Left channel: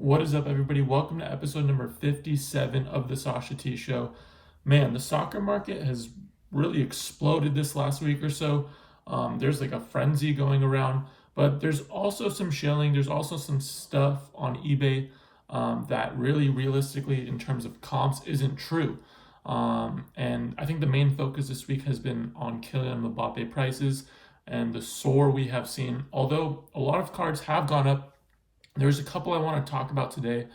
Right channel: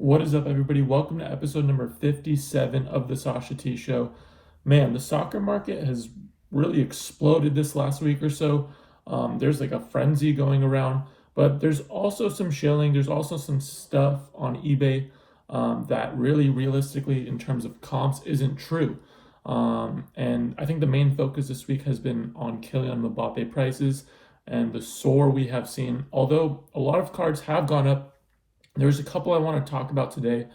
What is up, everybody? Welcome to episode number 57 of the Sasha T Show. Man, the soccer market has really exploded this last week or so. There's like a frenzy going around, but there's also some shilling. There's also some stuff on eBay that really, realistically, in terms of comps, isn't true. And I think the main focus this week has been on Kylian Mbappe prices and the soar we have seen. Although a lot of cards have gone up, there's a couple I want to talk about today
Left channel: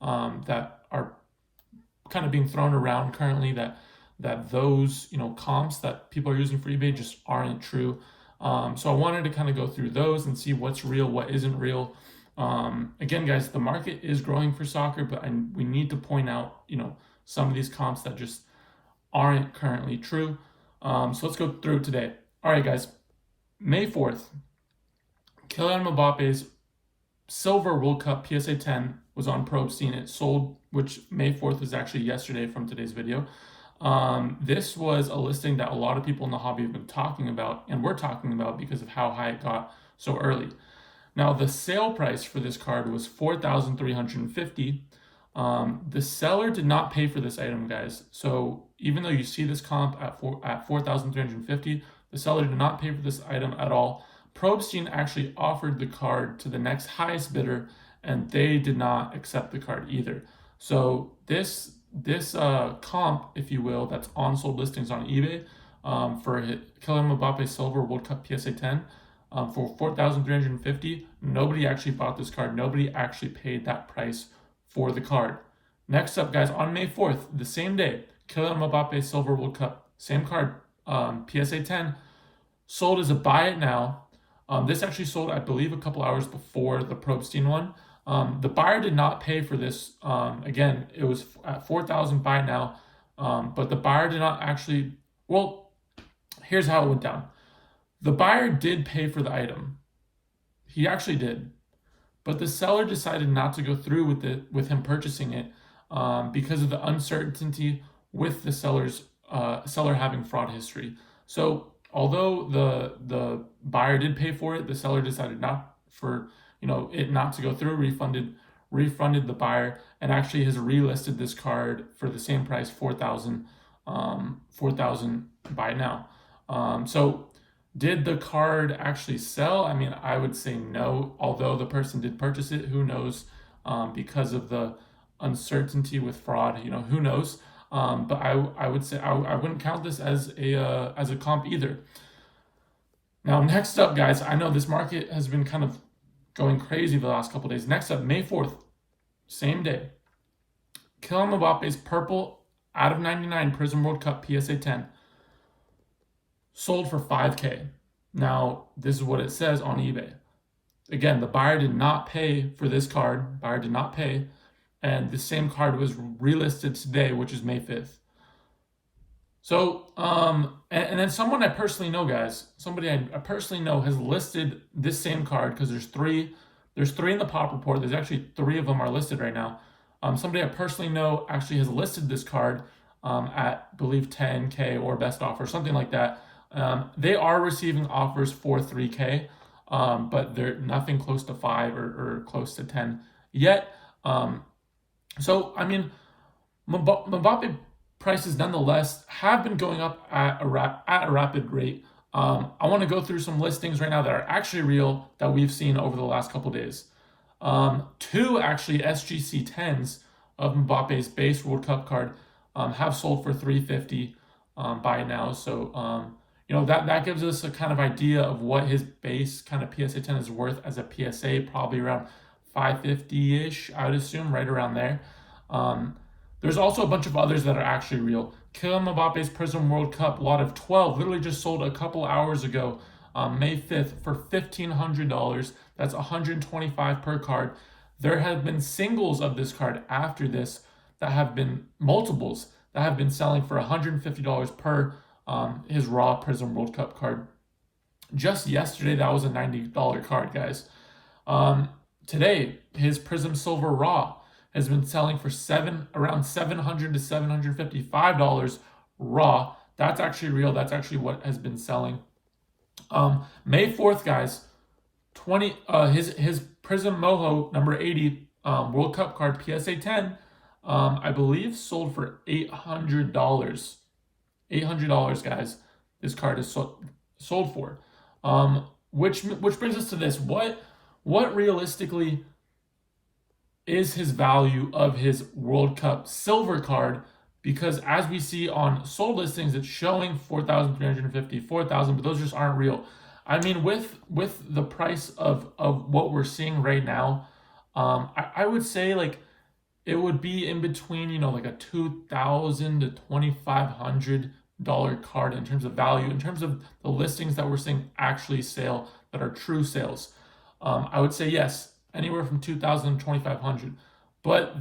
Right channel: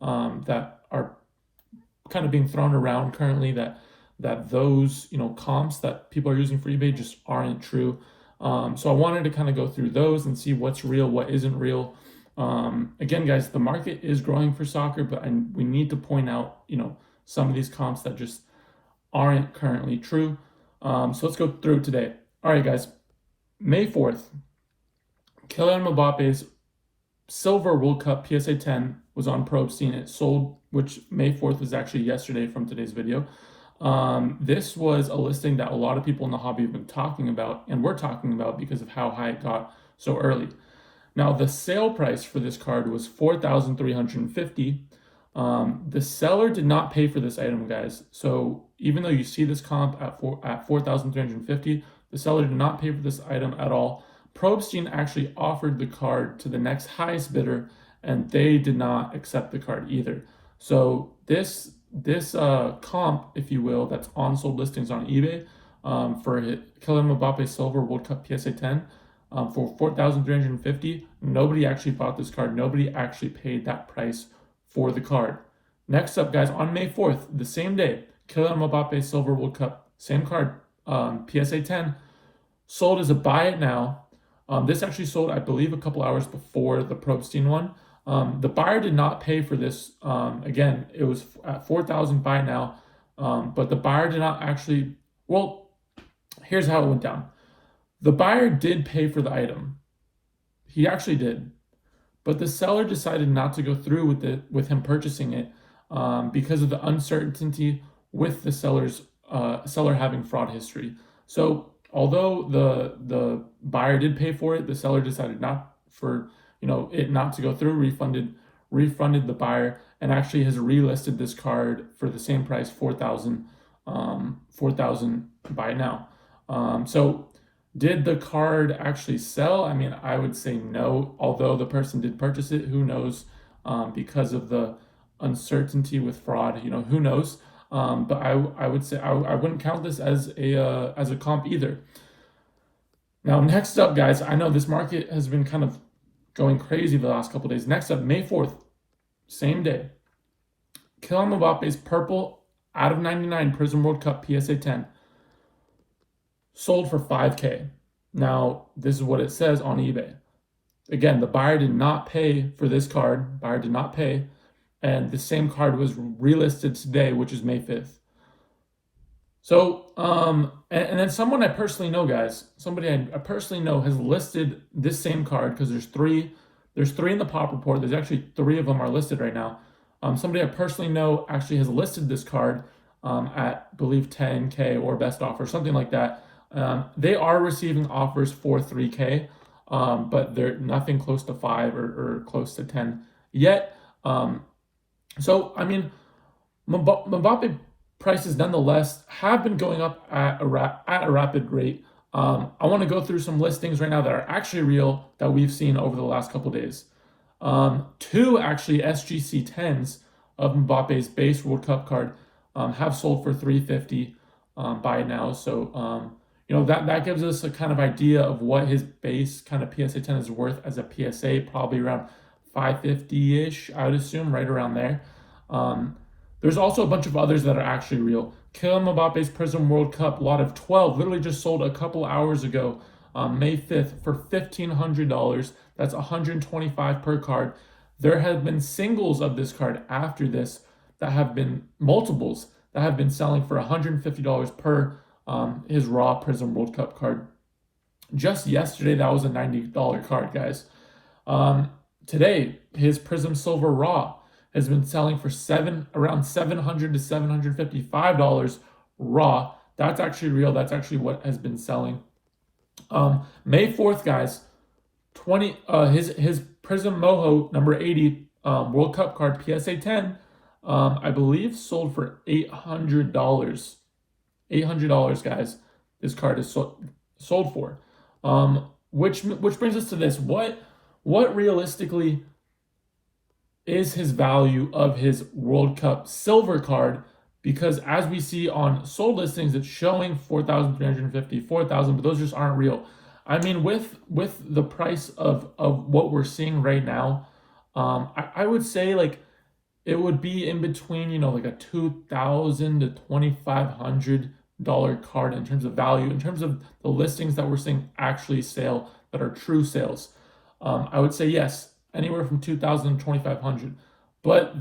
that are kind of being thrown around currently that those comps that people are using for eBay just aren't true. So I wanted to kind of go through those and see what's real, what isn't real. Again, guys, the market is growing for soccer, but we need to point out some of these comps that just aren't currently true. So let's go through today. All right, guys. May 4th, Kylian Mbappe's Silver World Cup PSA 10 was on Probstein. It sold, which May 4th is actually yesterday from today's video. This was a listing that a lot of people in the hobby have been talking about, and we're talking about because of how high it got so early. Now, the sale price for this card was $4,350. The seller did not pay for this item, guys. So even though you see this comp at $4,350, the seller did not pay for this item at all. Probstein actually offered the card to the next highest bidder, and they did not accept the card either. So this comp, if you will, that's on sold listings on eBay for Kylian Mbappe Silver World Cup PSA 10 for $4,350. Nobody actually bought this card. Nobody actually paid that price for the card. Next up, guys, on May 4th, the same day, Kylian Mbappe Silver World Cup, same card, PSA 10, sold as a buy it now. This actually sold, I believe, a couple hours before the Probstein one. The buyer did not pay for this. Again, it was at $4,000 buy it now, but the buyer did not actually. Well, here's how it went down. The buyer did pay for the item. He actually did, but the seller decided not to go through with him purchasing it because of the uncertainty with the seller having fraud history. So although the buyer did pay for it, the seller decided not to go through, refunded the buyer, and actually has relisted this card for the same price, $4,000 buy now. So did the card actually sell? I mean, I would say no, although the person did purchase it. Who knows? Because of the uncertainty with fraud, who knows? But I would say I wouldn't count this as a comp either. Now, next up, guys, I know this market has been kind of going crazy the last couple of days. Next up, May 4th, same day, Kylian Mbappe's purple out of 99 Prism World Cup PSA 10 sold for $5K. Now, this is what it says on eBay. Again, the buyer did not pay for this card. Buyer did not pay. And the same card was relisted today, which is May 5th. So, and then someone I personally know, guys, somebody I personally know has listed this same card because there's three in the pop report. There's actually 3 of them are listed right now. Somebody I personally know actually has listed this card at, I believe, 10K or best offer, something like that. They are receiving offers for 3K, but they're nothing close to 5 or close to 10 yet. So, I mean, Mbappe prices nonetheless have been going up at a rapid rate. I want to go through some listings right now that are actually real that we've seen over the last couple days. 2 actually SGC 10s of Mbappe's base World Cup card have sold for $350 by now. So, that gives us a kind of idea of what his base kind of PSA 10 is worth as a PSA, probably around $550-ish, I would assume, right around there. There's also a bunch of others that are actually real. Kylian Mbappe's Prism World Cup lot of 12 literally just sold a couple hours ago, May 5th, for $1,500. That's $125 per card. There have been singles of this card after this that have been multiples that have been selling for $150 per his raw Prism World Cup card. Just yesterday, that was a $90 card, guys. Today, his Prism Silver Raw has been selling for around $700 to $755 raw. That's actually real. That's actually what has been selling. May 4th, guys, his Prism Moho number 80 World Cup card PSA 10, I believe sold for $800. $800, guys. This card is sold for. Which brings us to this. What realistically is his value of his World Cup silver card? Because as we see on sold listings, it's showing 4,350, 4,000, but those just aren't real. I mean, with the price of what we're seeing right now, I would say like it would be in between, like a $2,000 to $2,500 card in terms of value, in terms of the listings that we're seeing actually sale that are true sales. I would say yes, anywhere from 2,000 to 2,500. But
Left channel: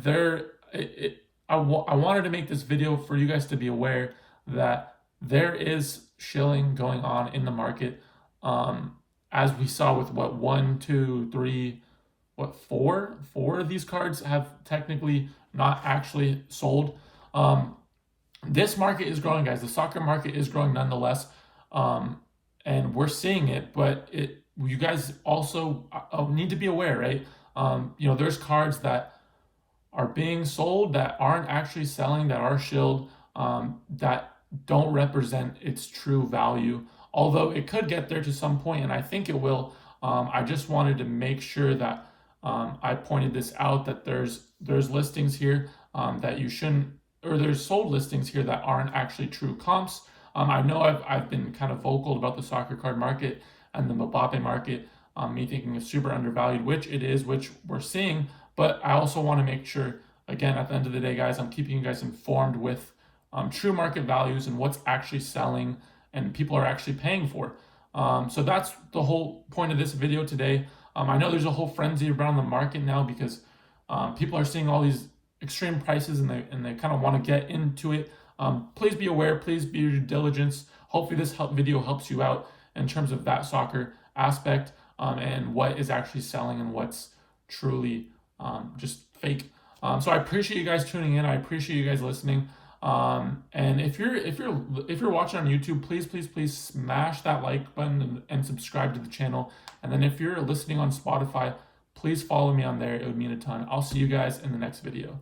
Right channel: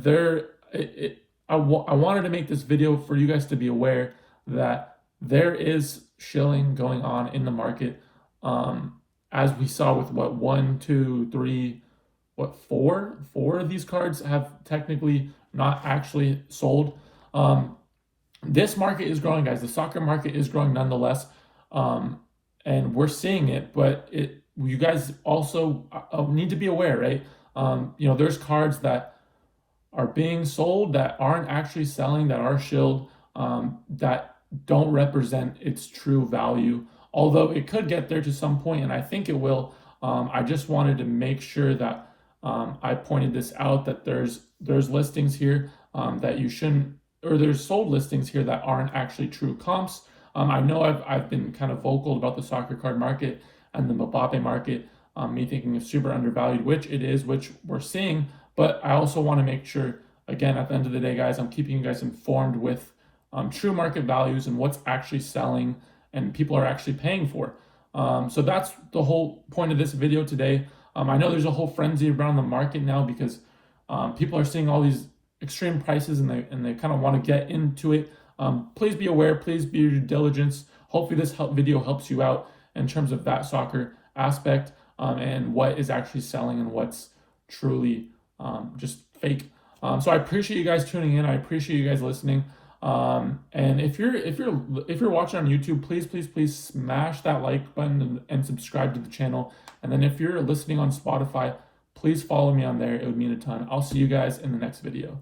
I wanted to make this video for you guys to be aware that there is shilling going on in the market. As we saw with one, two, three, four of these cards have technically not actually sold. This market is growing, guys. The soccer market is growing nonetheless, and we're seeing it. But you guys also need to be aware, right? There's cards that are being sold that aren't actually selling, that are shilled, that don't represent its true value. Although it could get there to some point, and I think it will. I just wanted to make sure that I pointed this out, that there's listings here that you shouldn't, or there's sold listings here that aren't actually true comps. I know I've been kind of vocal about the soccer card market and the Mbappe market, me thinking it's super undervalued, which it is, which we're seeing. But I also want to make sure, again, at the end of the day, guys, I'm keeping you guys informed with true market values and what's actually selling and people are actually paying for. So that's the whole point of this video today. I know there's a whole frenzy around the market now because people are seeing all these extreme prices and they kind of want to get into it. Please be aware. Please be your due diligence. Hopefully this video helps you out in terms of that soccer aspect and what is actually selling and what's truly just fake. So I appreciate you guys tuning in. I appreciate you guys listening. And if you're watching on YouTube, please smash that like button and subscribe to the channel. And then if you're listening on Spotify, please follow me on there. It would mean a ton. I'll see you guys in the next video.